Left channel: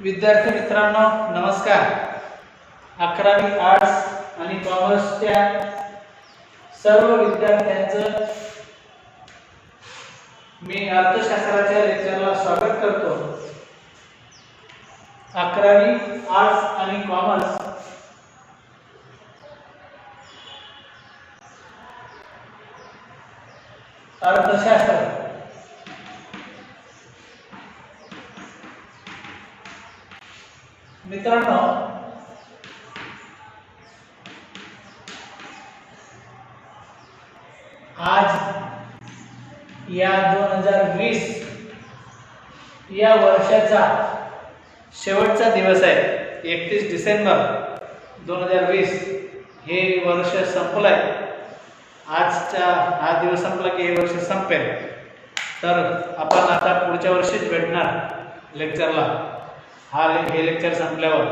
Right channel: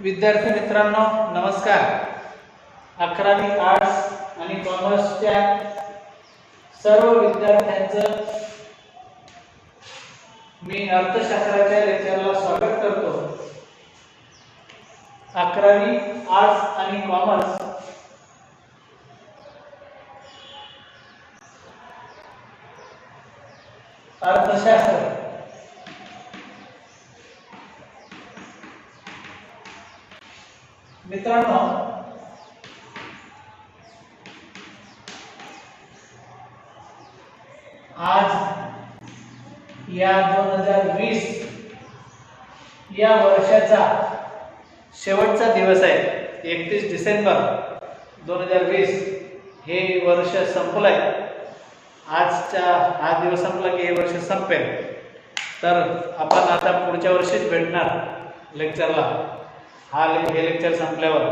विद्यार्थी मित्रांनो नमस्कार. अकरावी आर्ट्स आणि कॉमर्सच्या सर्व विद्यार्थ्यांचं मी अर्थशास्त्राच्या लेक्चरला स्वागत करतो. अकरावी आर्ट्स आणि कॉमर्स अर्थशास्त्र. मित्रांनो. आज या दोन हजार वीस या वर्षाचा शेवटचा दिवस आहे. एकतीस डिसेंबर दोन हजार वीस हे वर्ष संपलंय. आजचा हा दिवस संपला की हे वर्ष संपेल. तर आपण आता पुढच्या वर्षीच भेटणार लेक्चरला. हा ले- हे लेक्चर संपल्यावर.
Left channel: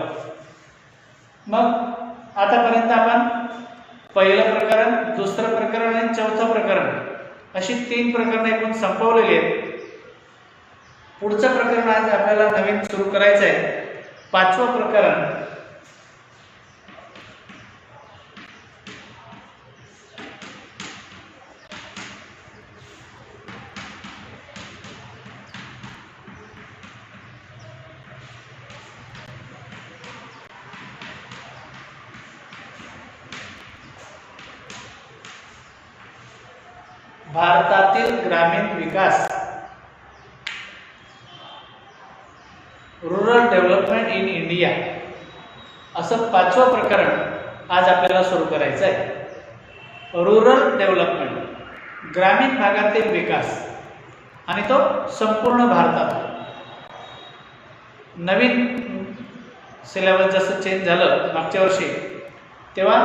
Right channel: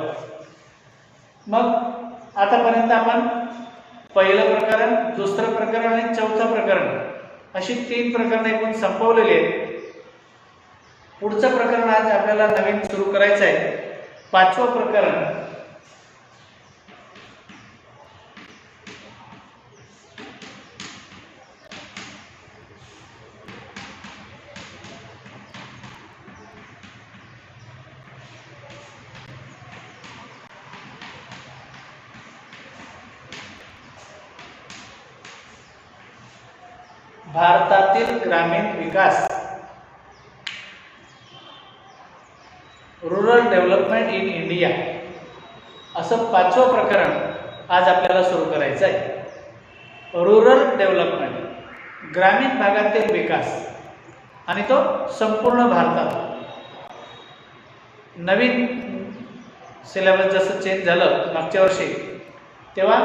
मग आतापर्यंत आपण पहिलं प्रकरण दुसरं प्रकरण आणि चौथं प्रकरण अशी तीन प्रकरणं एकूण संपवलेली आहेत. पुढचं प्रकरण आज आपल्याला नवीन सुरू करायचं आहे पाचवं प्रकरण भारतातील ग्रामीण विकास. रुरल डेव्हलपमेंट इन इंडिया असं पाचवं प्रकरण आज आपल्याला सुरू करायचं आहे रुरल डेव्हलपमेंट ग्रामीण भागातील विकास. आणि तो संपूर्ण भारतात. नवीन सिलेबस जसं चेंज झालं मागच्या वर्षी तेव्हा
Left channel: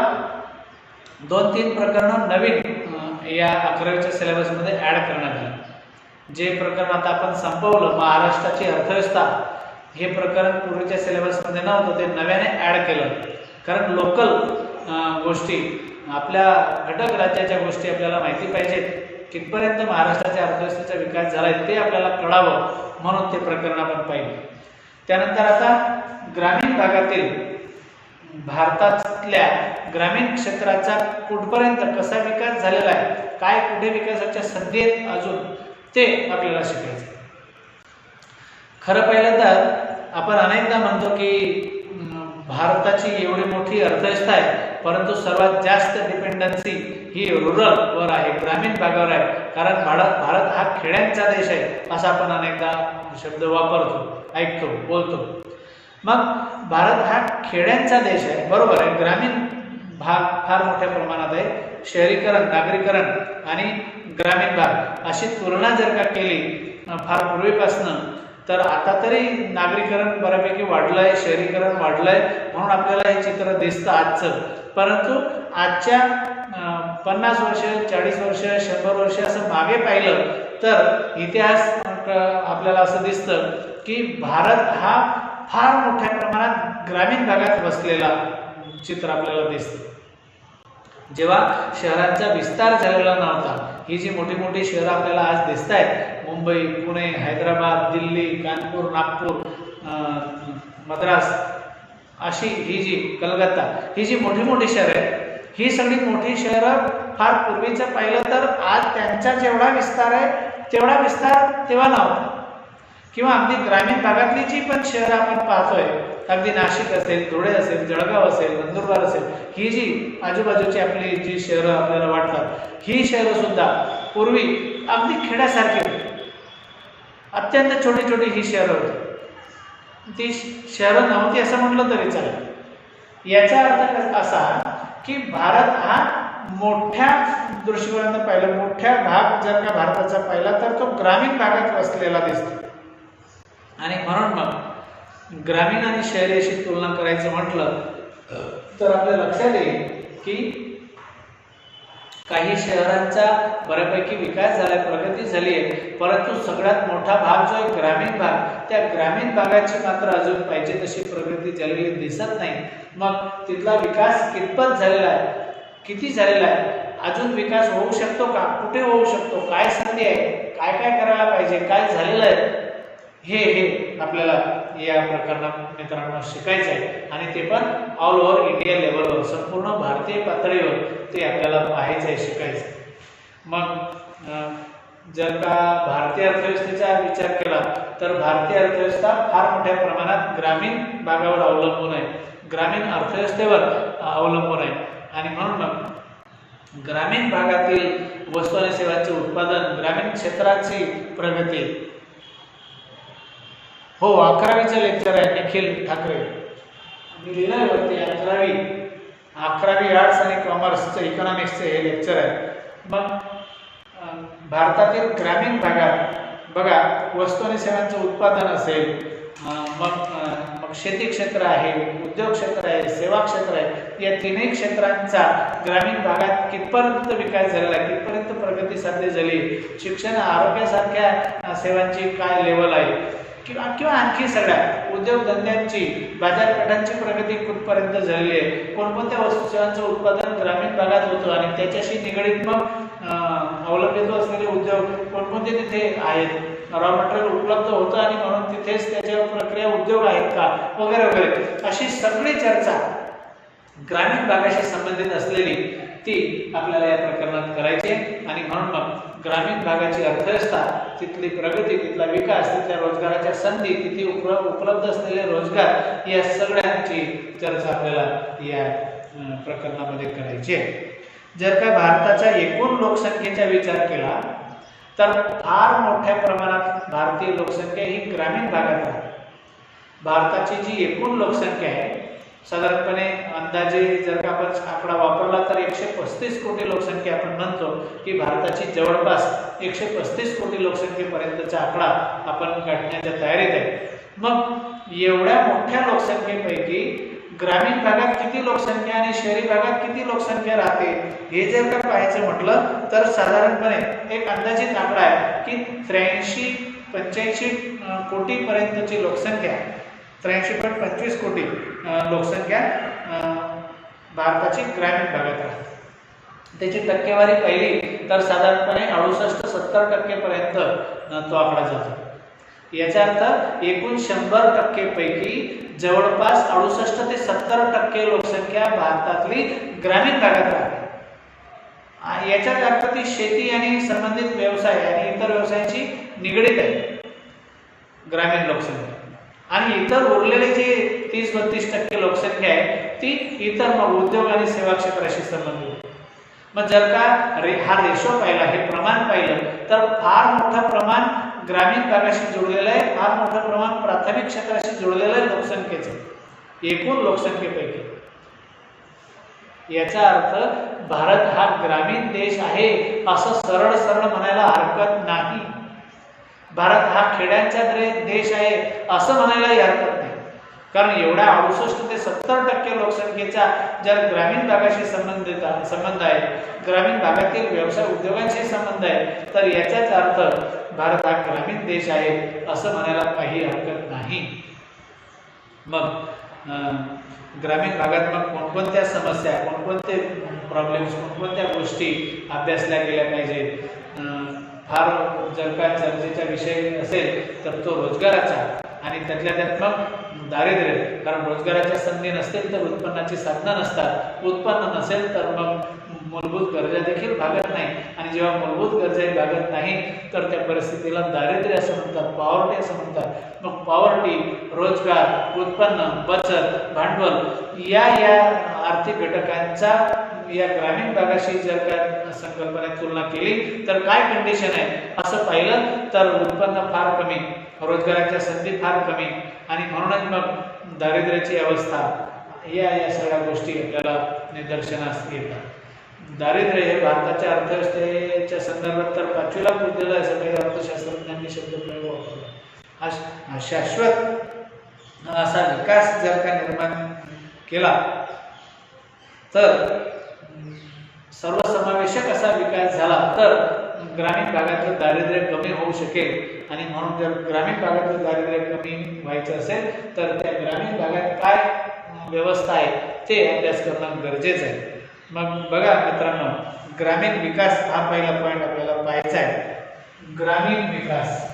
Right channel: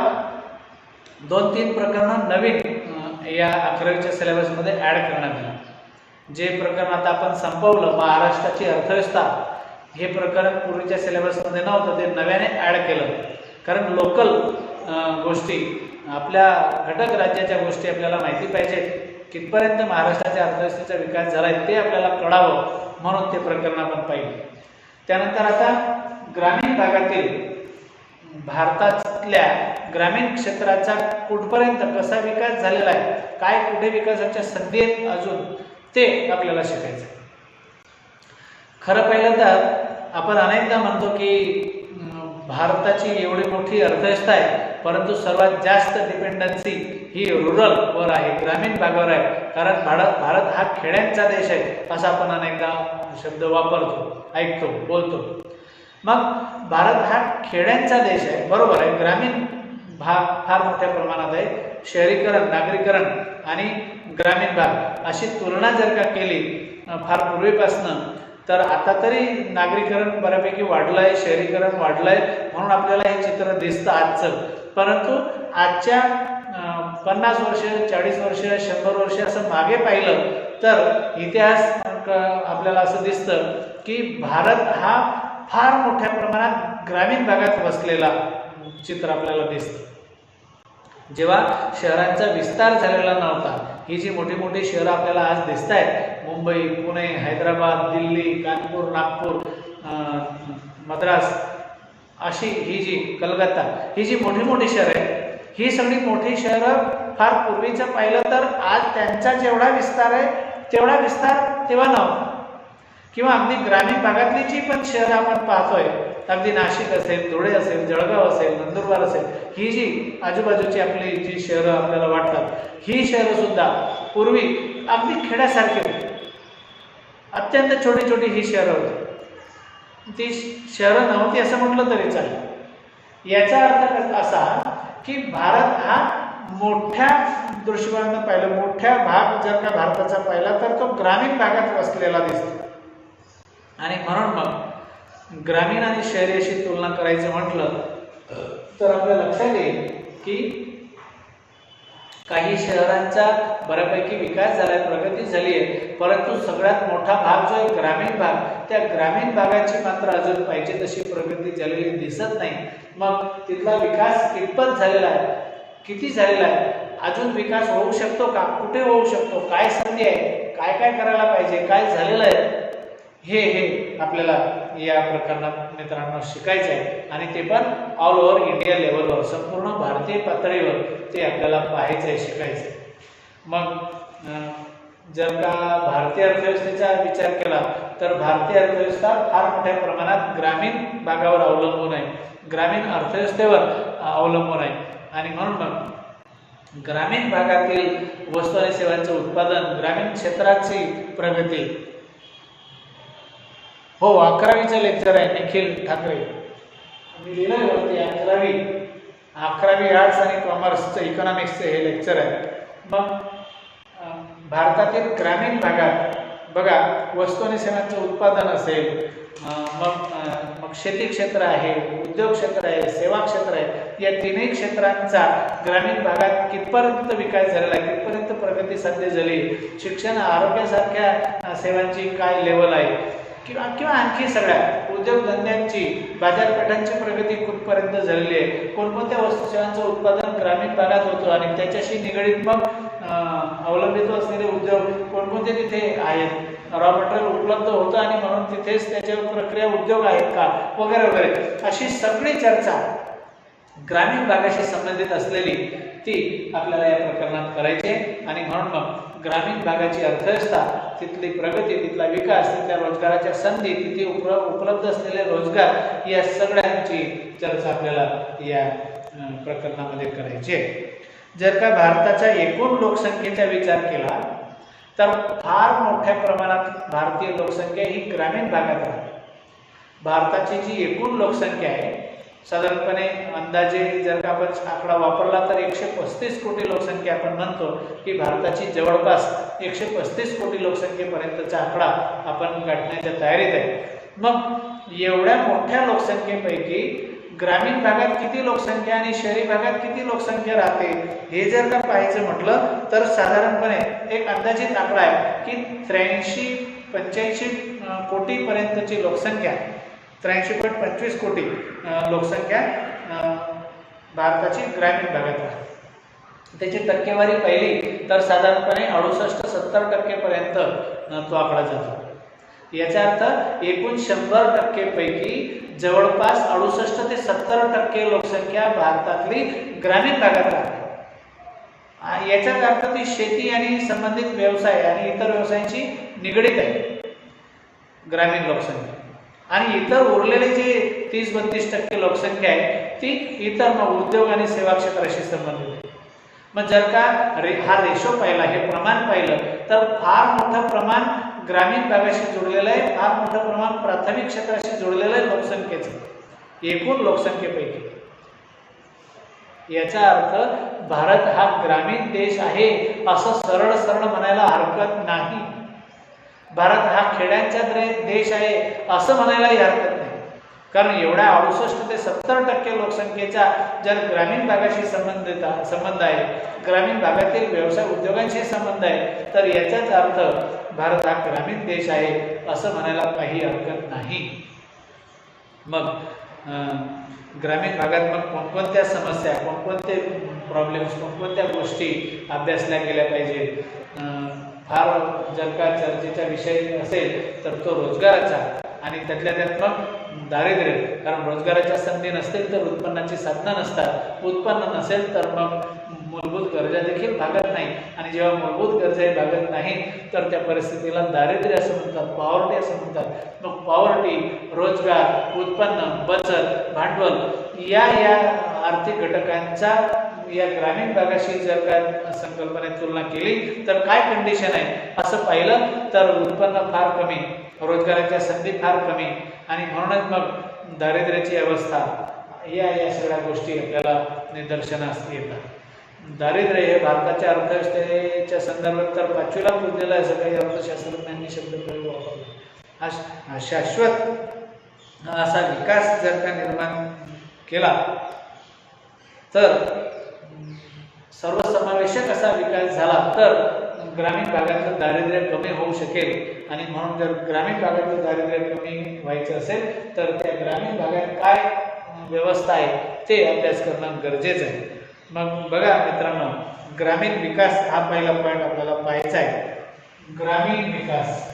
दोन तीन प्रकरणं नवीन या अकरावीच्या सिलेबसमध्ये ॲड करण्यात आली. जे प्रकरण आता आपण संपवलं महाराष्ट्राची अर्थव्यवस्था हे प्रकरण पूर्वीच्या सिलेबसमध्ये नव्हतं ते नव्याने ॲड केलं. कारण लोकल गोष्टी आपल्या घटक राज्याच्या गोष्टी आपल्याला माहिती पाहिजेत कितपर्यंत महाराष्ट्राच्या अर्थव्यवस्थेचा विकास झाला आहे ते आपल्याला कळावं म्हणून ते प्रकरण आपण पाहिलं. त्यानंतर आता ग्रामीण भागातील भारतातल्या ग्रामीण क्षेत्राचा कुठपर्यंत कसा विकास झालेला आहे काय कुठे विकासाच्या संधी आहेत अजून ते आपल्याला शिकायचं. खरं पहिल्यांदा तर आपण अनेकदा म्हणतो की भारताची एवढी मोठी अर्थव्यवस्था आहे परंतु सर्वात जास्त डिपेंडन्सी ही रुरल वर आहे ग्रामीण भागावर आहे. कारण भारत भारत हा खेड्यांचा देश आहे असा आपण अनेकदा शब्द वापरतो ऐकतो बोलतो. मग भारत हा खेड्यांचा देश आहे बरोबर आहे. ग्रामीण भाग फार मोठ्या प्रमाणात आहे. शहरीकरण नागरीकरण आणि ग्रामीण भाग अशी तुलना जर का केली फार पूर्वीपासनं तर आता तरी नागरीकरण बऱ्यापैकी वाढलं आहे शहरीकरण वाढलं आहे म्हणून आपल्याला हे चित्र दिसतं आजचं. परंतु आजच्या पन्नास वर्ष चाळीस वर्ष शंभर वर्ष असं मागे पाहिलं तर इतिहास आपल्याला असं दिसतं की भारत हा फार मोठ्या प्रमाणात ग्रामीण भागात वसलेला चित्र आपल्याला दिसतं. जेव्हा शहरांचा विस्तार झालेला नव्हता ही जी मोठी मोठी शहरं आपल्याला आज दिसत आहेत मुंबई पुणे हैदराबाद दिल्ली कानपूर नागपूर मद्रास अशी ही जी कलकत्ता ही जी मोठी मोठी शहरं आहेत ही सगळी मोठी शहरं फार पूर्वीचं पाहिलं तर आज त्यांचा जेवढा विस्तार आहे तेवढा विस्तार तेव्हा नव्हता. किंवा अगदी ग्रामीण भागातली जी पण शहरं आपण पाहतोय अगदी नाशिक असेल धुळे असेल जळगाव असेल नंदुरबार असेल ही जी आजूबाजूची आपली जी शहरं आपल्याला वाटतात ही शहरं सुद्धा पूर्वी अगदी खेड्यासारखी होती. अत्यंत छोटी छोटी ही शहरं होती. ती शहरं नव्हती असं म्हटलं तरी चालेल. याचा अर्थ कसा- असा की भारत हा मोठ्या दृष्टिकोनानं पाहिलं मोठ्या भाग जर का भारताचा पाहिला तर तो ग्रामीण भागात वसलेला दिसतो. आणि म्हणून मग ग्रामीण आणि शहरी अशी तुलना करायचं म्हटलं तर आपल्या लक्षात येईल की काही शहरांचा बऱ्यापैकी विकास झालाय प्रगती झाली आहे परंतु सगळ्यात मोठा भाग जो आहे ग्रामीण भाग त्या ग्रामीण भागाची मात्र अजून पाहिजे तशी प्रगती झालेली दिसत नाही. मग तिथला विकास कितपत झालेला आहे? किती झालेला आहे? अजून विकास होऊ शकतो का? कुठे होऊ शकतो? काय संधी आहे? काय काय करायला पाहिजे? काय झालेलं आहे? हे हे आपल्याला या प्रकरणात मित्रांनो शिकायचं आहे आणि ते पण ऑल ओव्हर इंडिया लेवलवर संपूर्ण भारतीय पातळीवर ते आपल्याला पाहायचं आहे शिकायचं आहे मग जर का भारतीय अर्थव्यवस्थेचा विचार केला तर भारतीय अर्थव्यवस्था फार मोठ्या प्रमाणात ग्रामीण भागावर अवलंबून आहे. ग्रामीण अर्थव्यवस्थेवर अवलंबून आहे. आणि म्हणून मग ग्रामीण भागातील वस्तू आणि सेवांचे उत्पादन ग्रामीण क्षेत्राची प्रगती हो अकरावीचे लेक्चर आहे निखिल ठाकरे. मी लिहिलंय वरती अकरावी. अकरावी आर्ट्स आणि कॉमर्सचं इकॉनॉमिक्सचं हे लेक्चर आहे. मग भारतातील ग्रामीण भागात बघा वस्तू आणि सेवांचं उत्पादन असेल मग मग शेती क्षेत्र आहे उद्योग क्षेत्र आहे सेवा क्षेत्र आहे या तिन्ही क्षेत्रांचा ग्रामीण भागात कितपर्यंत विकास झालेला आहे कितपर्यंत प्रगती साध्य झाली शिक्षण आरोग्यासारख्या सेवांची काय लेवल आहे? किंवा किंवा आणखी सगळ्या उद्योगधंद्यांची बाजारपेठांची प्रगती कुठपर्यंत झालेली आहे. कोणकोणत्या वस्तू सेवांचं उत्पादन ग्रामीण भागात होतं आणि त्याच्याशी निगडीत मग अवलंबित्व अवलंबित असलेले उद्योग कोणकोणते तिथे आहेत? रॉ मटेरियल उपलब्ध होतं आणि म्हणून तिथेच त्याच्यावर प्रक्रिया उद्योग आहेत का? वगैरे वगैरे. अशी सगळी चर्चा ग्रामीण भागाशी संबंधित असलेली ती आपल्याला या प्रकरणात करायची आणि म्हणून मग ग्रामीण भागाची अर्थव्यवस्था तिथली प्रगती तिथला विकास तिथल्या रोजगाराच्या संधी तिथे उप उपलब्ध असलेले रोजगार या सगळ्यांची चर्चा आपल्याला या प्रकरणामध्ये करायची आहे. जर का भारताच्या एकूण लोकसंख्येचा विचार केला तर फार मोठ्या प्रमाणात भारतीय लोकसंख्या ही ग्रामीण भागात आहे. भारताची जी एकूण लोकसंख्या आहे साधारणपणे अंदाजे जर का आपण आकडा वापरला तर एकशे पस्तीस कोटी लोकसंख्या आपण म्हणतो की भारताची जवळपास एकशे पस्तीस कोटी लोकसंख्येपर्यंतचा आकडा आपण गाठण्याच्या तयारीत आहे. मग एवढ्या मोठ्या लोकसंख्येपैकी ग्रामीण भागात किती लोकसंख्या आणि शहरी भागात किती लोकसंख्या राहते हे जर का पाहायचं म्हटलं तर साधारणपणे एक अंदाजित आकडा आहे की त्र्याऐंशी पंच्याऐंशी कोटीपर्यंतची लोकसंख्या त्र्याऐंशी पॉईंट पंचवीस कोटी लोकसंख्या भारताची ग्रामीण भागात आहे. त्याची टक्केवारी पहिली तर साधारणपणे अडुसष्ट सत्तर टक्केपर्यंत तो आकडा जातो. याचा अर्थ एकूण शंभर टक्केपैकी जवळपास अडुसष्ट ते सत्तर टक्के लोकसंख्या भारतातली ग्रामीण भागात राहते याच्यात अर्थ ती शेती आणि संबंधित व्यवसाय आणि इतर व्यवसायांची निगडीत आहे. ग्रामीण लोकसंख्या. आणि इतर उरलेले जे तीस बत्तीस टक्के लोकसंख्या आहे ती इतर मग उद्योग आणि सेवा क्षेत्राशी संबंधित आहे. मग जर का रे हा रेशो पाहिला हे प्रमाण पाहिलं तर फार मोठं प्रमाण ग्रामीण भागाशी जोडलेलं आहे फार मोठं प्रमाण प्राथमिक क्षेत्राशी जोडलेलं आहे लोकसंख्येचं. एकूण लोकसंख्येपैकी. याचा अर्थ भारत हा ग्रामीण देश आहे असं सरळ सरळ म्हणायला हरकत नाही. भारत हा खेड्यांचा तरी देश आहे असं म्हणायलाही हरकत नाही. कारण एवढ्या अडुसष्ट ते सत्तर टक्के लोकसंख्येचा जर ग्रामीण भागाशी संबंधित संबंध आहे ग्रामीण भागातील व्यवसाय उद्योगांशी संबंध आहे तर याचाच अर्थ भारत हा ग्रामीण देश आहे असं म्हणायला काही हरकत नाही. मग ग्रामीण भागात मग कोणकोणत्या समस्या कोणकोणते प्रॉब्लेम्स कोणकोणत्या गोष्टी अभ्यासल्या गेल्या पाहिजे फार जर का चर्चेचा विषय असेल तर तो रोजगाराचा आणि त्यातल्या त्यात मग दारिद्र्य कारण रोजगाराच्या संधी नसतील तर उत्पन्नाची साधनं नसतात. उत्पन्न नसेल तर मग मूलभूत गरजा देखील भागत नाही. आणि जेव्हा मूलभूत गरजाही भागत नाही तर त्या परिस्थितीला दारिद्र्य असं म्हणतात पॉवर्टी असं म्हणतात. मग पॉवर्टी रोजगार उत्पन्न बचत भांडवल या या आर्थिक घटकांचा या ग्रामीण भागाशी जर का संकल्पनेत तुलना केली तर काय कंडिशन आहे? असं पाहिलं तर उत्पन्न फार कमी रोजगाराच्या संधी फार कमी. आणि म्हणूनच मग दारिद्र्याची अवस्था या या सगळ्या गोष्टी आपल्याला निदर्शनास येतात. दारिद्र्य हे भारताच्या अर्थव्यवस्थेच्या संदर्भात तर पाचवीला पुजलेलं आहे असं काही अर्थशास्त्रज्ञांनी शब्द प्रयोग वापरला. हा शाश्वत असा विकास जर का निर्माण केला तर सर्वसमावेशक असा विकास झाला तर ग्रामीण भागातलं दारिद्र्य कमी होऊ शकेल. आणि म्हणून जर ग्रामीण भागातलं दारिद्र्य कमी व्हायचं असेल तर त्या ग्रामीण भागात काय व्यवस्था आहे ते अभ्यास करणं गरजेचं आहे. मग बघा मित्रांनो ग्रामीण विकास हा पहिला पॉईंट आपल्याला पाहायचा आहे. ग्रामीण विकास.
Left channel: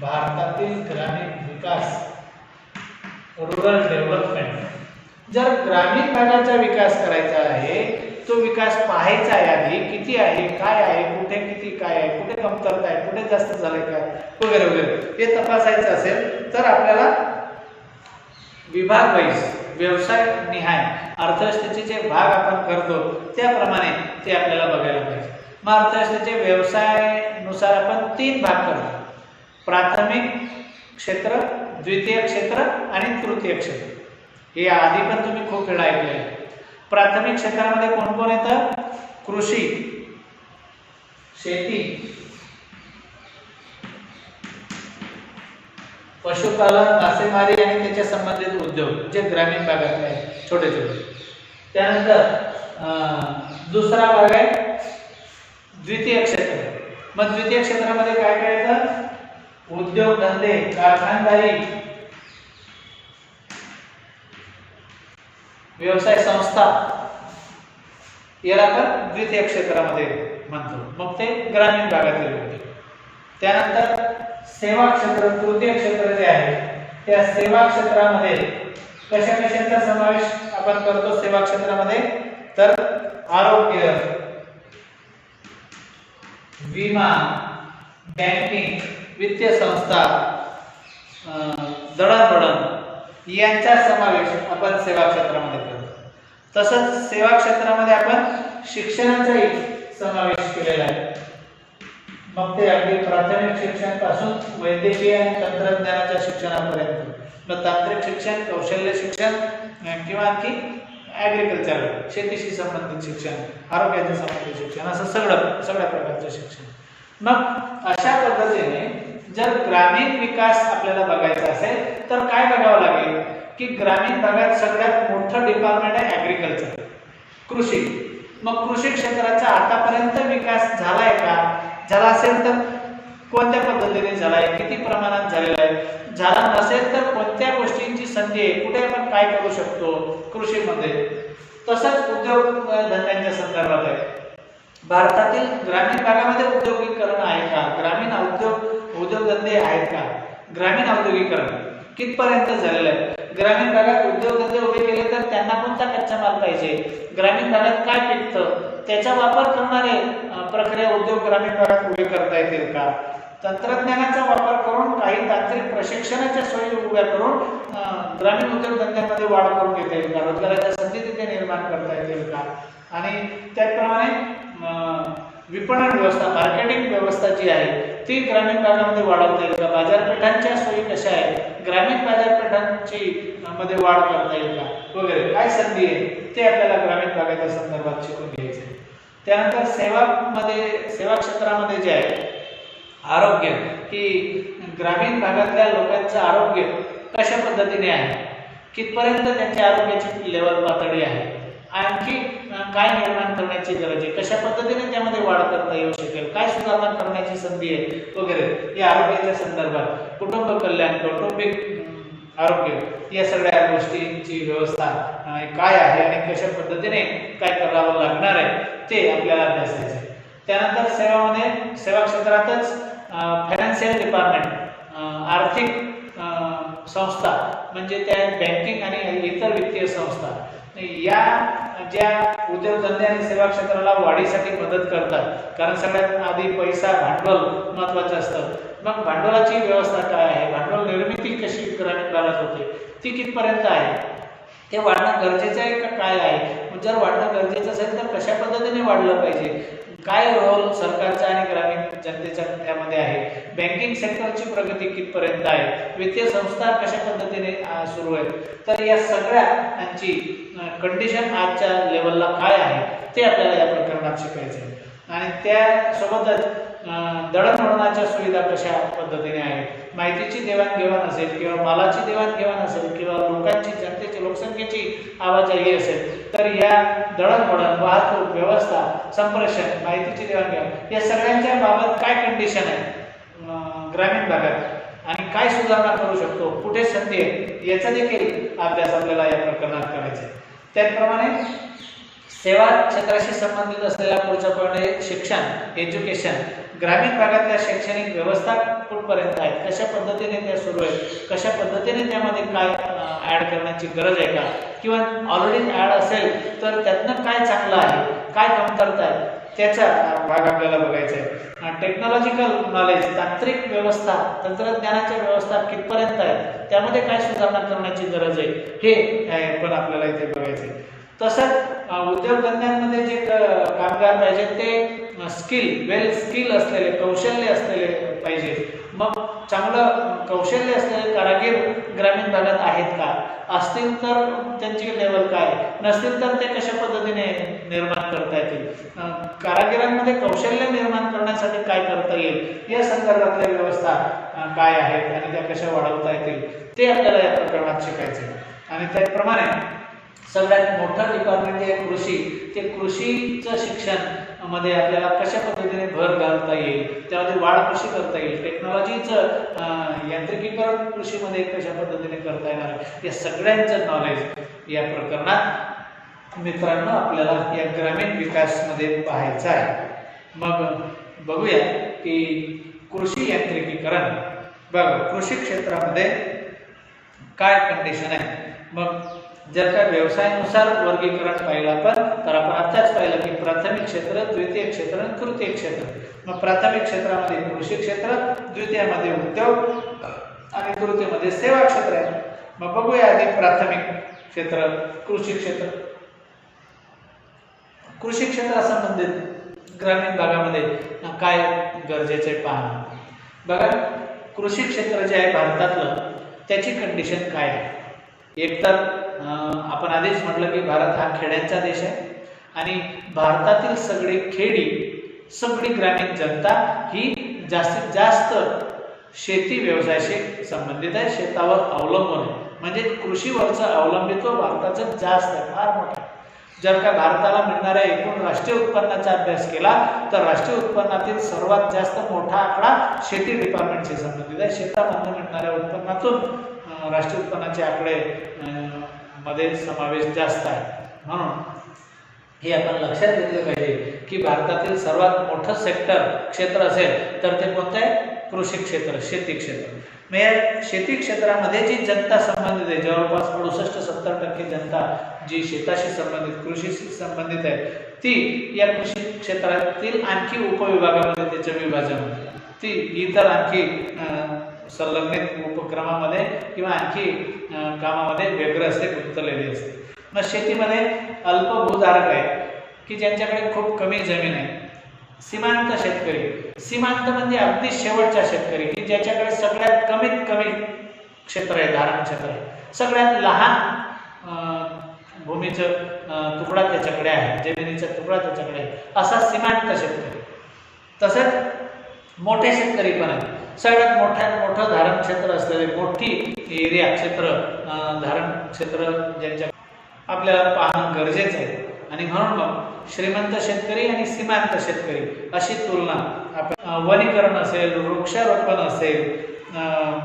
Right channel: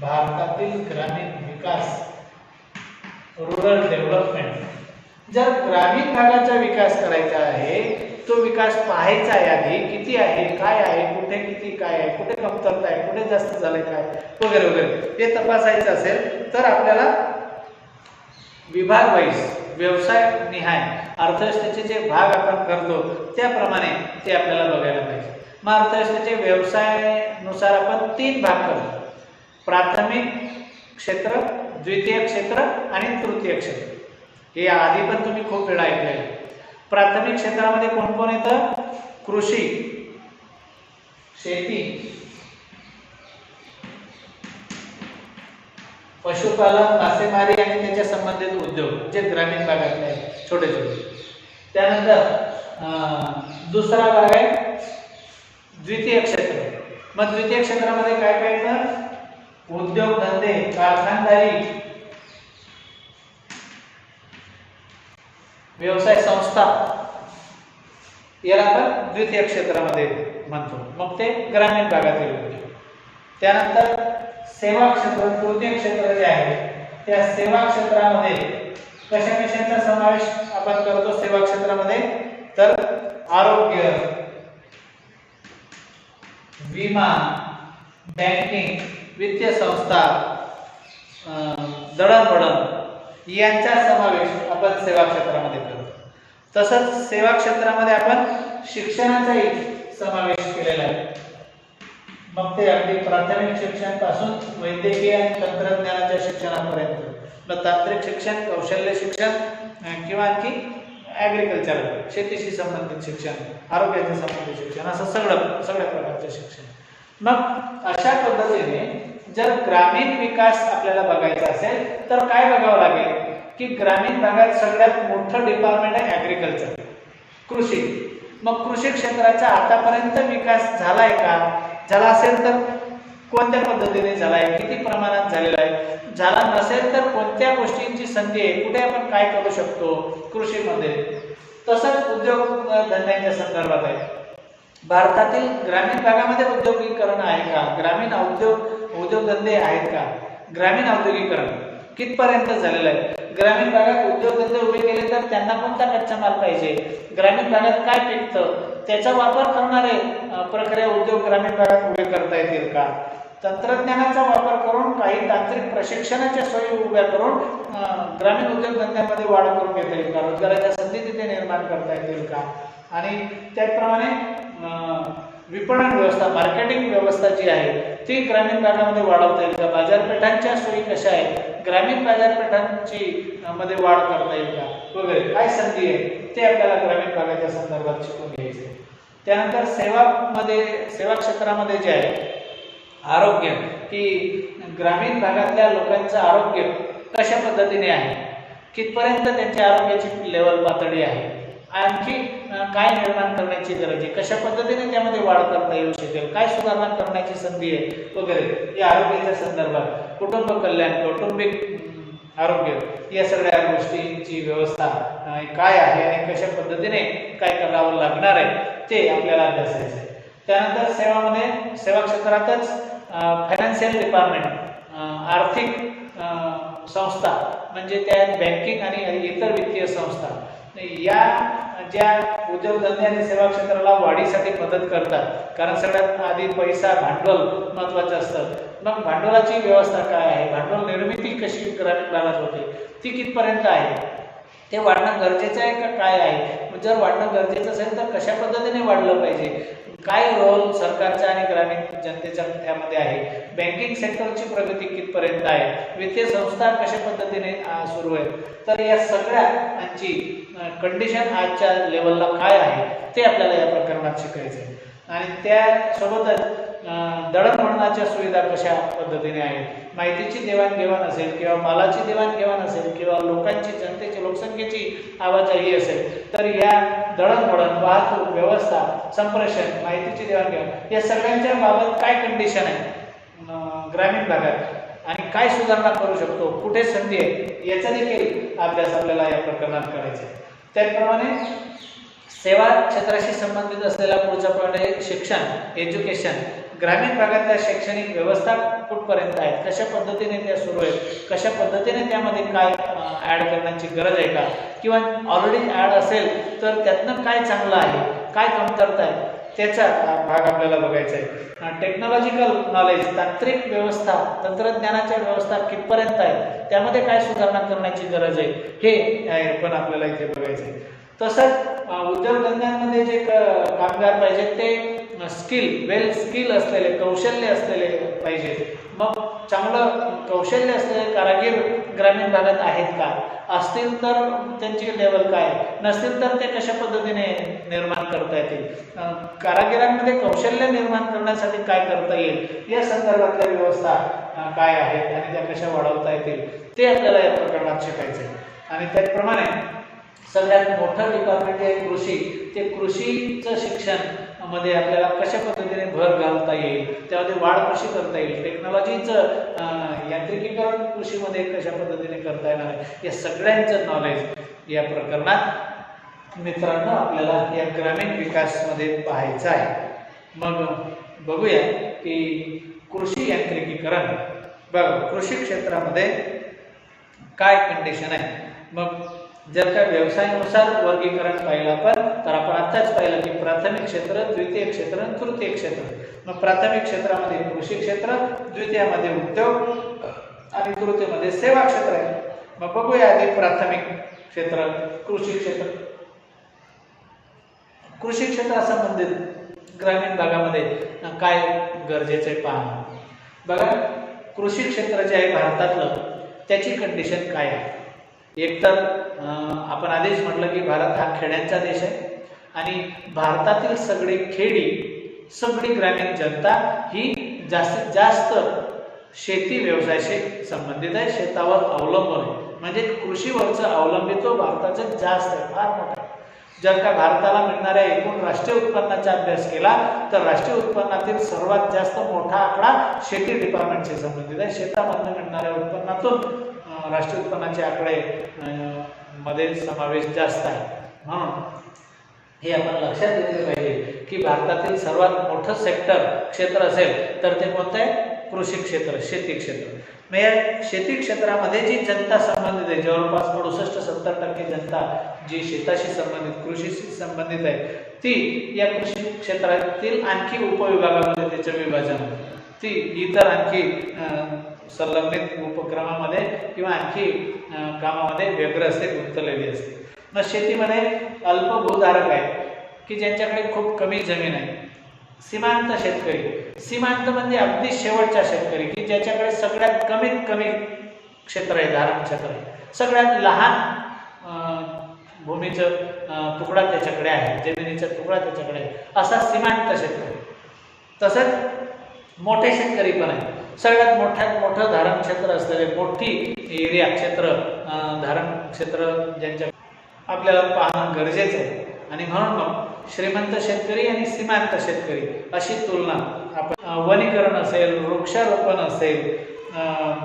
भारतातील ग्रामीण विकास रुरल डेव्हलपमेंट जर ग्रामीण भागाचा विकास करायचा आहे तो विकास पाहायचा आहे आधी किती आहे काय आहे कुठे किती काय आहे कुठे कमतरता आहे कुठे जास्त झालंय काय वगैरे वगैरे हे तपासायचं असेल तर आपल्याला विभाग वाईज व्यवसाय निहाय अर्थव्यवस्थेचे जे भाग आपण करतो त्याप्रमाणे ते आपल्याला बघायला पाहिजे. मग अर्थव्यवस्थेचे व्यवसायानुसार आपण तीन भाग करतो. प्राथमिक क्षेत्र द्वितीय क्षेत्र आणि तृतीय क्षेत्र. हे आधी पण तुम्ही खूप वेळा ऐकले आहे प्राथमिक क्षेत्रामध्ये कोण कोण येतं? कृषी. शेती. पशुपालन मासेमारी आणि त्याच्या संबंधित उद्योग जे ग्रामीण भागातले आहेत छोटे छोटे. त्यानंतर अं, दुसरा भाग आहे द्वितीय क्षेत्र. मग द्वितीय क्षेत्रामध्ये काय काय येतं? उद्योगधंदे कारखानदारी व्यवसाय संस्था. याला आपण द्वितीय क्षेत्रामध्ये म्हणतो. मग ते ग्रामीण भागातील होते. त्यानंतर सेवा क्षेत्र तृतीय क्षेत्र जे आहे त्या सेवा क्षेत्रामध्ये कशा कशाचा समावेश आपण करतो सेवा क्षेत्रामध्ये? तर आरोग्य विमा बँकिंग वित्तीय संस्था दळणवळण यांचा समावेश आपण सेवा क्षेत्रामध्ये करतो. तसंच सेवा क्षेत्रामध्ये आपण शिक्षणाचाही समावेश केलेला आहे. मग ते अगदी प्राथमिक शिक्षणपासून वैद्यकीय आणि तंत्रज्ञानाच्या शिक्षणापर्यंत. मग तांत्रिक शिक्षण कौशल्य शिक्षण किंवा आणखी ॲग्रिकल्चर शेतीशी संबंधित शिक्षण आरोग्याच्या संबंधित शिक्षण असं सगळं सगळ्या प्रकारचं शिक्षण. मग अशा पद्धतीने जर ग्रामीण विकास आपल्याला बघायचा असेल तर काय बघावं लागेल? की ग्रामीण भागात सगळ्यात मोठं डिपार्टमेंट आहे ॲग्रिकल्चर कृषी. मग कृषी क्षेत्राचा आतापर्यंत विकास झालाय का? झाला असेल तर कोणत्या पद्धतीने झाला आहे किती प्रमाणात झालेला आहे? झाला नसेल तर कोणत्या गोष्टींची संधी आहे? कुठे आपण काय करू शकतो कृषीमध्ये? तसंच उद्योग धंद्यांच्या संदर्भात आहे. भारतातील ग्रामीण भागामध्ये उद्योगीकरण आहे का? ग्रामीण उद्योग उद्योगधंदे आहेत का? ग्रामीण औद्योगिकरण कितपर्यंत झालेलं आहे? ग्रामीण भागात उद्योगधंदे उभे केले तर त्यांना कोणता कच्चा माल पाहिजे? ग्रामीण भागात काय पिकतं? त्याचा वापर करणारे प्रक्रिया उद्योग ग्रामीण भागात उभे करता येतील का? तंत्रज्ञानाचा वापर करून काही तांत्रिक प्रशिक्षणाच्या सोयी उभ्या करून ग्रामीण उद्योगधंद्यामध्ये वाढ करून घेता येईल का? रोजगाराच्या संधी तिथे निर्माण करता येतील का? आणि त्याचप्रमाणे विपणन व्यवस्था मार्केटिंग व्यवस्था जी आहे ती ग्रामीण भागामध्ये वाढवता येईल. का बाजारपेठांच्या सोयी कशा आहेत? ग्रामीण बाजारपेठांची मध्ये वाढ करता येईल का? वगैरे. काय संधी आहे? ते आपल्याला ग्रामीण भागाच्या संदर्भात शिकून घ्यायचे त्यानंतर सेवामध्ये सेवा क्षेत्रामध्ये जे आहे आरोग्य. की ग्रामीण भागातल्या लोकांचं आरोग्य कशा पद्धतीने आहे? कितपर्यंत त्यांच्या आरोग्याची लेवल पातळी आहे? आणखी काय निर्माण करण्याची गरज आहे? कशा पद्धतीने त्यामध्ये वाढ करता येऊ शकेल? काय सुधारणा करण्याची संधी आहे? वगैरे. या आरोग्याच्या संदर्भात कुटुंब कल्याण कौटुंबिक आरोग्य या सगळ्या गोष्टींची व्यवस्था काय आहे आणि कशा पद्धतीने काय करावं लागणार आहे ते आपल्याला अभ्यासायचं आहे. त्यानंतर सेवामध्ये सेवा क्षेत्रातच फायनान्शियल डिपार्टमेंट आर्थिक संस्था म्हणजे त्या बँकिंग आणि इतर वित्तीय संस्था या ज्या उद्योगधंदे आणि सेवा क्षेत्राला वाढीसाठी मदत करतात. कारण सगळ्यात आधी पैसा भांडवल महत्वाचं असतं. मग भांडवलाची व्यवस्था काय आहे? भांडवल निर्मिती कशी ग्रामीण भागात होते? ती कितपर्यंत आहे? ते वाढणं गरजेचं आहे का काय आहे? जर वाढणं गरजेचं असेल तर कशा पद्धतीने वाढलं पाहिजे? काय रोल सरकारचा आणि ग्रामीण जनतेच्या त्यामध्ये आहे? बँकिंग सेक्टरची प्रगती कितपर्यंत आहे? वित्तीय संस्था कशा पद्धतीने सुरू आहेत? तर या सगळ्यांची कंडिशन आजच्या लेवलला काय आहे ते आपल्याला या प्रकरणात शिकायचं आहे आणि त्यासोबतच दळणवळणाच्या सुविधा कशा पद्धतीने आहेत? माहितीची देवाणघेवाण असेल किंवा मालाची देवाणघेवाण असेल किंवा लोकांची जनतेची लोकसंख्येची आवाजाही असेल तर या दळणवळण वाहतूक व्यवस्था संप्रेषण माहितीची देवाणघेवाण या सगळ्यांच्या बाबत काय कंडिशन आहे? ग्रामीण भागात. आणि काय सुधारणा करू शकतो? कुठे संधी आहे? याचा देखील अभ्यास आपल्याला या प्रकरणात करायचा आहे त्याचप्रमाणे सेवा क्षेत्राशी संबंधित असलेला पुढचा पॉईंट आहे शिक्षण एज्युकेशन ग्रामीण भागातल्या शैक्षणिक व्यवस्था कुठपर्यंत आहेत? कशा पद्धतीने त्या सुरू आहेत? कशा पद्धतीने त्यामध्ये काय ॲड करण्याची गरज आहे का? किंवा ऑलरेडी ॲड असेल तर त्यातनं काय चांगलं आहे? काय कमतरता आहे त्याचा भाग आपल्याला बघायचा आहे. टेक्नॉलॉजिकल नॉलेज तांत्रिक व्यवस्था तंत्रज्ञानाच्या व्यवस्था कितपर्यंत आहे त्यामध्ये काय सुधारणा करण्याची गरज आहे? हे पण आपल्याला इथे बघायचं आहे. तसंच उद्योगधंद्यांमध्ये जे कामगार पाहिजे ते स्किल वेल स्किल असलेले कौशल्य असलेले पाहिजे. मग चांगलं कौशल्य असलेले कारागीर ग्रामीण भागात आहेत का? असतील तर त्यांची लेवल काय? नसतील तर ते कशा पद्धतीने निर्माण करता येतील? कारागिरांमध्ये कौशल्य निर्माण करण्यासाठी काय करता येईल? या संदर्भातल्या व्यवस्था काय आहेत आणि त्या कशा वाढवता येतील? ते आपल्याला या प्रकरणात शिकायचे आणि त्याचप्रमाणे सगळ्यात मोठं डिपार्टमेंट आहे कृषी. ते कृषीचं शिक्षणमध्ये आपल्याला कशा पद्धतीने भर घालता येईल त्यामध्ये वाढ कशी करता येईल टेक्नॉलॉजीचं यांत्रिकीकरण कृषीमध्ये कशा पद्धतीने करता येणार या सगळ्यांचं नॉलेज या प्रकरणात मित्रांनो आपल्याला या ग्रामीण विकासमध्ये पाहायचं आहे. मग बघूया की कृषी यांत्रिकीकरण बघ कृषी क्षेत्रामध्ये काय कंडिशन आहे. मग जर का व्यवसायानुसार वर्गीकरण पाहिलं आपण तर आपण आत्ताच पाहिलं की प्राथमिक क्षेत्र द्वितीय क्षेत्र आणि तृतीय क्षेत्र. मग प्राथमिक क्षेत्रामध्ये कृषी क्षेत्र द्वितीयामध्ये उद्योग आणि तृतीयमध्ये सेवा क्षेत्र आहे. मग बघूया आधी प्राथमिक क्षेत्र कृषी क्षेत्र. कृषी क्षेत्रासंबंधित ग्रामीण भागामध्ये काय गरजेचं आहे पाहणं? बघा कृषी क्षेत्र जे आहे भारतातलं त्याची कंडिशन काय आहे? एकतर आपण आधीच म्हटलं की भारत हा खेड्यांचा देश आहे. आणि भारतातील सगळी खेडी सगळी ग्रामीण जनता ही जास्तीत जास्त शेती व्यवसायाशी संबंधित आहे शेतावर अवलंबून आहे. म्हणजे कृषीवरचं अवलंबित्व भारताचं जास्त आहे फार मोठं आहे. जर का भारताला मिळणाऱ्या एकूण राष्ट्रीय उत्पन्नाचा अभ्यास केला तर राष्ट्रीय उत्पन्नातील सर्वात जास्त मोठा आकडा शेती डिपार्टमेंटशी संबंधित आहे. शेतामधून मिळणाऱ्या उत्पन्नातून राष्ट्रीय उत्पन्नाचे आकडे मध्ये समावेश जास्त आहे. म्हणून हे आपण लक्षात घेतले पाहिजे की भारतातील सर्वात मोठं सेक्टर क्षेत्र असेल तर ते कोणतं आहे? कृषी क्षेत्र शेती क्षेत्र. म्हणजे या शेती क्षेत्रामध्ये जी जनता संबंधित आहे जवळपास अडुसष्ट सत्तर टक्के जनता जी शेताशी संबंधित कृषीशी संबंधित आहे ती या कृषी क्षेत्रातील आणखी उपविभागामध्ये त्याचं विभाजन होतं. ती इतर आणखी संलग्नित उपक्रमामध्ये किंवा आणखी कामामध्ये व्यग्र असते गुंतलेली असते. मग शेतीमध्ये अल्पभूधारक आहे की ज्यांच्याकडे खूप कमी जमीन आहे. सीमांत शेतकरी. सीमांत म्हणजे अगदी शेवटचा शेतकरी की ज्याच्याकडे सगळ्यात कमीत कमी क्षेत्र आहे धारण क्षेत्र आहे. सगळ्यात लहान भूमीचं तुकडा त्याच्याकडे आहे जमिनीचा तुकडा त्याच्याकडे आहे. असा सीमांत शेतकरी. तसेच मोठे शेतकरी पण आहे सगळ्यात मोठ्यात मोठं धारण क्षेत्र असलेले मोठी एरिया क्षेत्र धारण क्षेत्र ज्यांच्या आपल्याला पाहणं गरजेचं आहे. आणि म्हणून मग श्रीमंत शेतकरी आणि सीमांत शेतकरी अशी तुलना आपण वनीकरण असेल वृक्षारोपण असेल अं,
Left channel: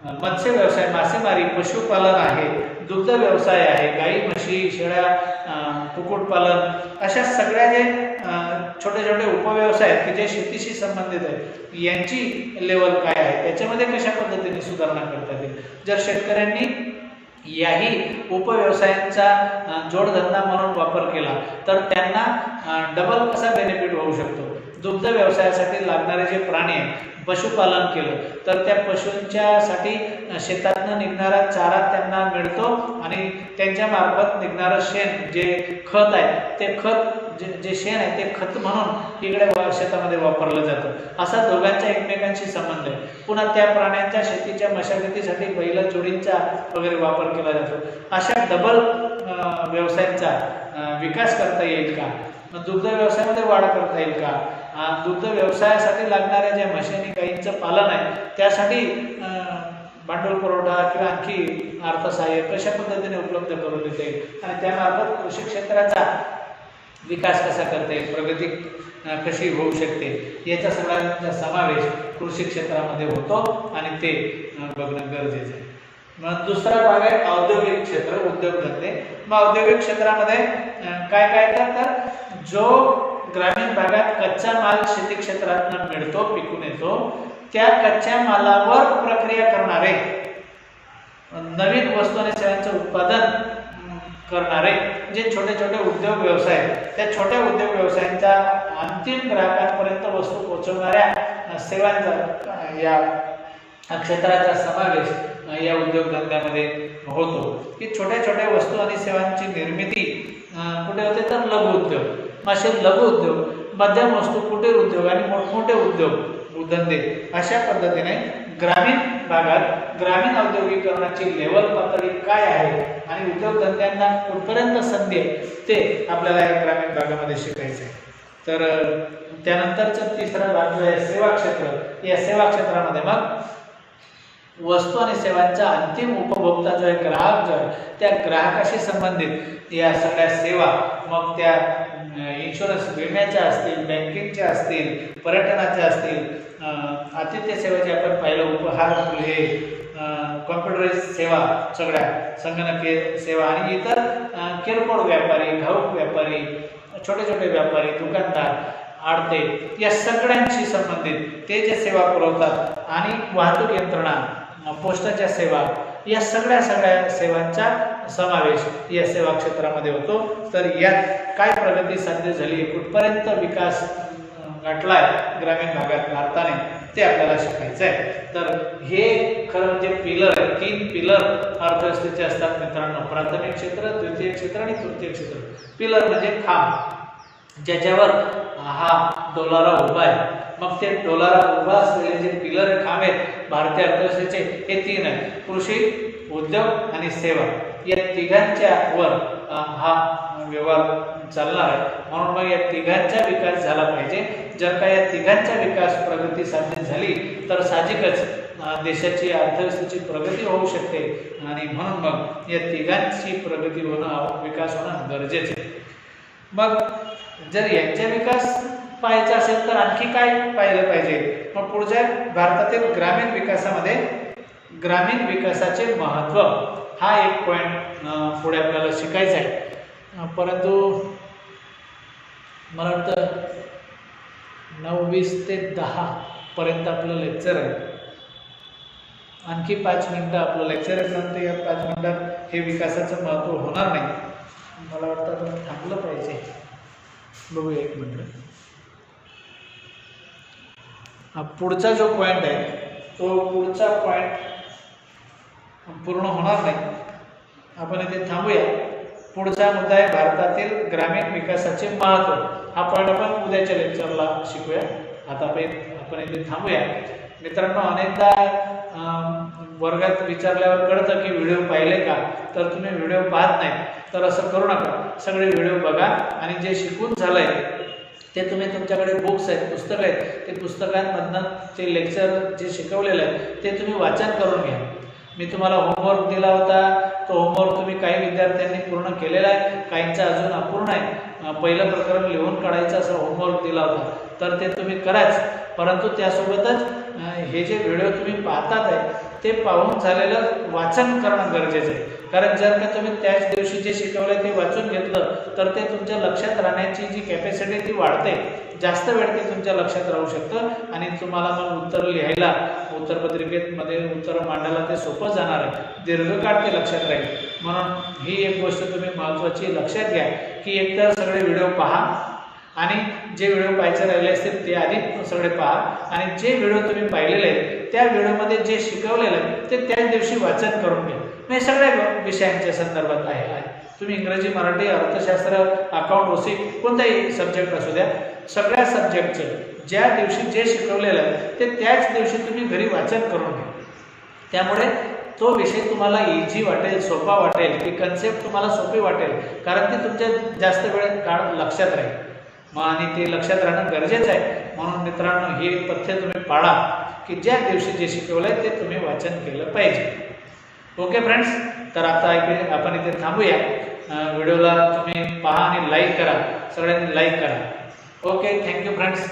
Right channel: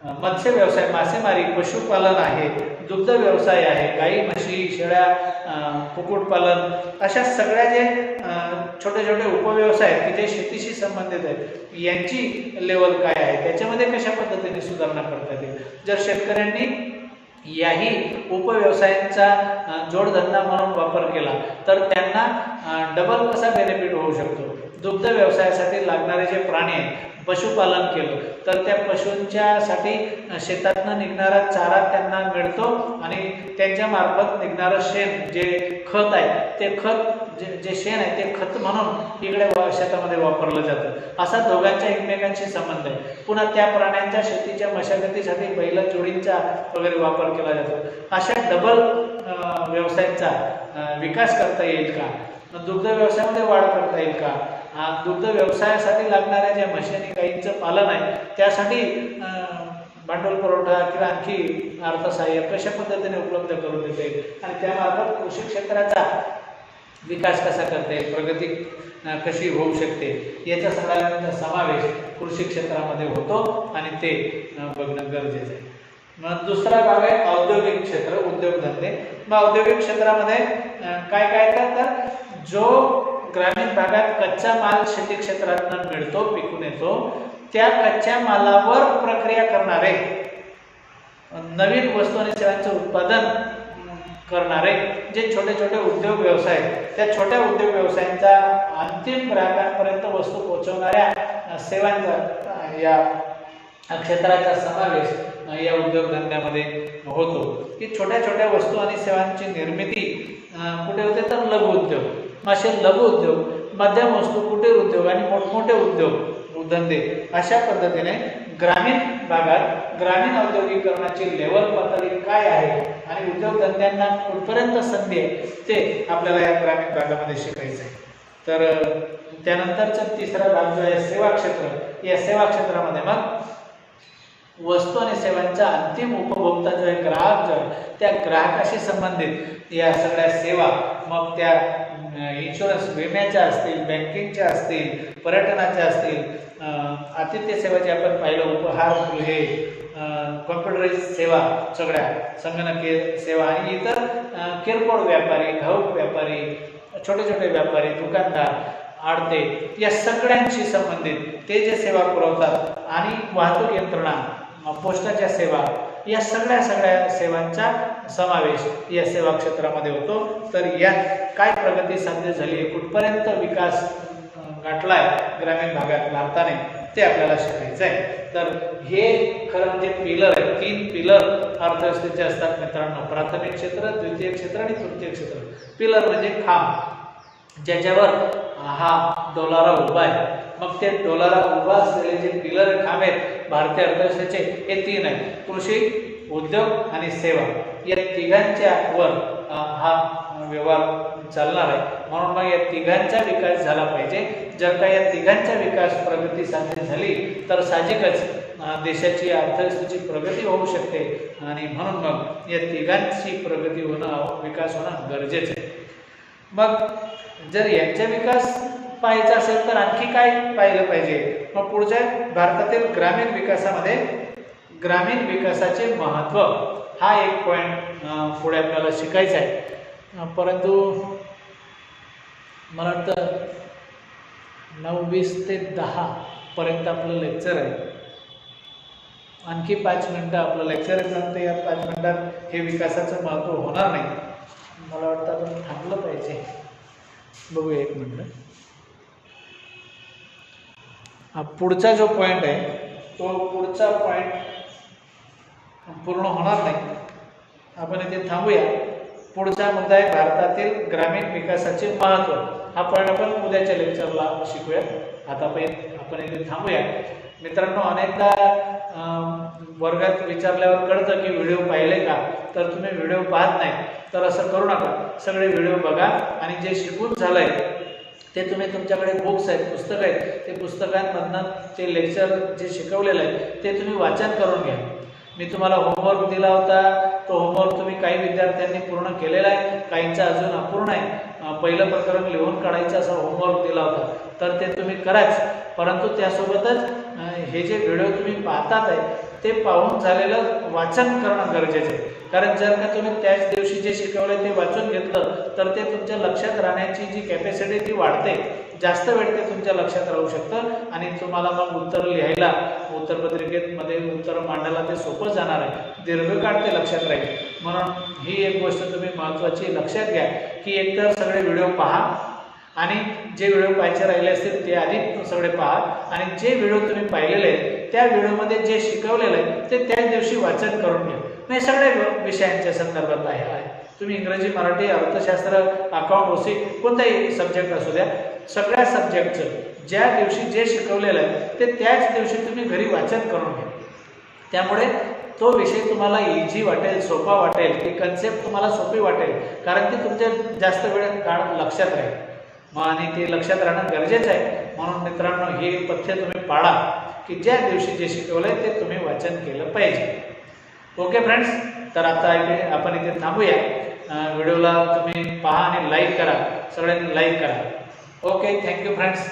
मत्स्य व्यवसाय मासेमारी पशुपालन आहे दुग्ध व्यवसाय आहे गाई म्हशी शेळ्या कुक्कुटपालन अशा सगळ्या जे छोटे छोटे उपव्यवसाय आहेत की जे शेतीशी संबंधित आहेत यांची लेवल काय आहे? त्याच्यामध्ये कशा पद्धतीने सुधारणा करता येईल? जर शेतकऱ्यांनी याही उपव्यवसायांचा जोडधंदा म्हणून वापर केला तर त्यांना डबल कसा बेनिफिट होऊ शकतो. दुग्ध व्यवसायासाठी लागणारे जे प्राणी आहेत पशुपालन केलं. तर त्या पशूंच्यासाठी शेतातनं निघणारा चारा त्यांना मिळतो आणि त्यांच्या मार्फत निघणारं शेण जे खत आहे ते खत जे जे शेण आहे ते खत म्हणून इकडे शेतामध्ये वापरलं जातं. असा दोघांच्या एकमेकांशी संबंध आहे. पुन्हा त्या प्राण्यांच्या शेतीच्या मशागतीसाठी बैल जोडींचा वगैरे वापर केला जातो. अशा डबल व्यवसायांचा विकास करता येईल का? दुग्ध व्यवसायामध्ये वाढ करता येईल का? दुग्ध व्यवसायासाठी लागणाऱ्या ज्या मशिनी गाईंचं पालन आहे त्यासाठी भांडवल पुरवठा किंवा आणखी अर्थसहाय्य कशा पद्धतीने उपलब्ध करून देता येईल? आणि त्यामार्फत कृषी क्षेत्राचा विकास कसा करता येईल? प्रगती कशी होऊ शकते? याचा सगळ्यांचा समावेश कृषी क्षेत्रामध्ये होतो आणि ते बघणं गरजेचं आहे. मग दुसरा भाग आहे औद्योगिक क्षेत्र उद्योगधंदे. मग औद्योगिक क्षेत्रामध्ये काय काय करतात? तर जो ग्रामीण भागात कच्चा माल शेती क्षेत्रातून मिळतो पिकून येतो. त्या कच्च्या मालावर प्रक्रिया करणारे नवीन वस्तू आणि सेवांचे उत्पादन करणारे जे छोटे छोटे उद्योग व्यवसाय आहेत, त्या छोट्या उद्योग व्यवसायांच्या अंतिम ग्राहकांपर्यंत वस्तू पोहोचवणाऱ्या सेवांचा या क्षेत्राचा समावेश या उद्योगधंद्यामध्ये होतो. की छोट्या छोट्या वस्तू आणि सेवांची निर्मिती कुठे होते तर लघु उद्योग. असे लघु उद्योग मध्यम वस्तू कुटीर उद्योग आणि मोठमोठे उद्योग धंदे अशा पद्धतीने ग्रामीण भागात ग्रामीण औद्योगिकरणाची लेवल पातळी काय आहे आणि उद्योगधंद्यांना कुठपर्यंत संधी आहे ते आपल्याला या ग्रामीण भागामध्ये शिकायचं आहे तर त्यानंतरचा तिसरा भाग जो आहे सेवा क्षेत्र. या सेवा क्षेत्रामध्ये मग वस्तू आणि सेवांचा अंतिम उपभोक्ता जो आहे ग्राहक जो आहे त्या ग्राहकाशी संबंधित या सगळ्या सेवा मग त्या इन्शुरन्स विम्याच्या असतील बँकिंगच्या असतील पर्यटनाच्या असतील अं, आतिथ्य जे आपण पाहिलं उपहार हे कॉम्प्युटराईज सेवा सगळ्या संगणकीय सेवा आणि इतर किरकोळ व्यापारी घाऊक व्यापारी छोटे छोटे व्यापारी दुकानदार आडते या सगळ्यांशी संबंधित ते जे सेवा पुरवतात आणि वाहतूक यंत्रणा पोस्टाच्या सेवा या सगळ्या सगळ्या सेवांचा समावेश या सेवा क्षेत्रामध्ये होतो. तर यात काय प्रगती साध्य झाली कुठपर्यंत विकास अं, गाठलाय ग्रामीण भागात भारताने ते आपल्याला शिकायचं आहे तर हे खरं म्हणजे पिलर तीन पिलर अर्थव्यवस्थेचे असतात मित्रांनो. प्राथमिक क्षेत्र द्वितीय क्षेत्र आणि तृतीय क्षेत्र. पिलर म्हणजे खांब ज्याच्यावर हा डोलारा उभा आहे. मग ते डोलारा उभा असलेले जे पिलर खांब आहेत भारतीय अर्थव्यवस्थेचे हे तीन आहेत. कृषी उद्योग आणि सेवा. या तिघांच्या वर हा व्यवहार चालणार आहे. म्हणून मग या तिघांचा विकास झाला पाहिजे. जर का या तिघांचा विकास प्रगती साध्य झाली तर साहजिकच देशाची अर्थव्यवस्थेची प्रगती होऊ शकते. आणि म्हणून मग या तिघांची प्रगती होणं विकास होणं गरजेचं आहे. मग जर यांचा विकास पाहायचं असेल तर आणखी काय पाहिलं पाहिजे? मग पुढच्या भारतातील ग्रामीण विकासामध्ये ग्रामीण विकासाचे महत्त्व. हा एक पॉईंट पुढे आपल्याला शिकायचा आहे. परंतु मला वाटतं नऊ वीस ते दहा पर्यंत आपलं लेक्चर आहे. आणखी पाच मिनटं आपलं लेक्चर आहे परंतु या पाच मिनटात हे विकासाचं महत्त्व होणार नाही. मला वाटतं आपण थांबलं पाहिजे. बघूया एक मिनटं. हा पुढचा जो पॉईंट आहे तो पुढचा पॉईंट पूर्ण होणार नाही. आपण इथे थांबूया. पुढचा मुद्दा आहे भारतातील ग्रामीण विकासाचे महत्त्व. हा पॉईंट आपण उद्याच्या लेक्चरला शिकूया. आता आपण आपण इथे थांबूया. मित्रांनो अनेकदा वर्गात विचारल्यावर कळतं की व्हिडिओ पाहिले का? तर तुम्ही व्हिडिओ पाहत नाही. तर असं करू नका. सगळे व्हिडिओ बघा आणि जे शिकून झालंय ते तुम्ही तुमच्याकडे बुक्स आहेत पुस्तकं आहेत ते पुस्तकांमधनं ते लेक्चर जे शिकवलेलं आहे ते तुम्ही वाचन करून घ्या. मी तुम्हाला होमवर्क दिला होता तो होमवर्क तुम्ही काही विद्यार्थ्यांनी पूर्ण केलेला आहे काहींचा अजून अपूर्ण आहे. पहिलं प्रकरण लिहून काढायचं असा होमवर्क दिला होता. तर ते तुम्ही कराच. परंतु त्यासोबतच हे जे व्हिडिओ तुम्ही पाहतात आहे ते पाहून झालेलं वाचन करणं गरजेचं आहे. कारण जर का तुम्ही त्याच दिवशी जे शिकवलं ते वाचून घेतलं तर ते तुमच्या लक्षात राहण्याची जी कॅपॅसिटी ती वाढते. जास्त वेळ ते तुमच्या लक्षात राहू शकतं आणि तुम्हाला मग उत्तर लिहायला उत्तरपत्रिकेमध्ये उत्तर मांडायला ते सोपं जाणार आहे. दीर्घकाळ ते लक्षात राहील. म्हणून ही एक गोष्ट तुम्ही महत्त्वाची लक्षात घ्या की एकतर सगळे व्हिडिओ पहा आणि जे व्हिडिओ पाहायचे राहिले असतील ते आधी सगळे पहा. आणि जे व्हिडिओ तुम्ही पाहिलेले आहेत त्या व्हिडिओमध्ये जे शिकवलेलं आहे ते त्याच दिवशी वाचन करून घ्या. म्हणजे सगळ्या विषयांच्या संदर्भात आहे आहे. तुम्ही इंग्रजी मराठी अर्थशास्त्र अकाउंट ओसी कोणताही सब्जेक्ट असू द्या सगळ्या सब्जेक्टचं ज्या दिवशी जे शिकवलेलं आहे ते त्याच दिवशी तुम्ही घरी वाचन करून घ्या. त्यामुळे तो विषय तुम्हाला इझी वाटेल सोपा वाटेल ती कन्सेप्ट तुम्हाला सोपी वाटेल. कारण ती तुमच्या जास्त वेळ काळ लक्षात राहील. मग आणि ते लक्षात राहणं गरजेचं आहे. म्हणून मित्रांनो हे पथ्य तुम्ही पाळा की ज्या दिवशी जे शिकवलं आहे ते तुम्ही वाचन केलं पाहिजे. ओके फ्रेंड्स तर आता इकडे आपण इथे थांबूया. व्हिडिओला तुम्ही पहा आणि लाईक करा. सगळ्यांनी लाईक करा. Okay thank you friends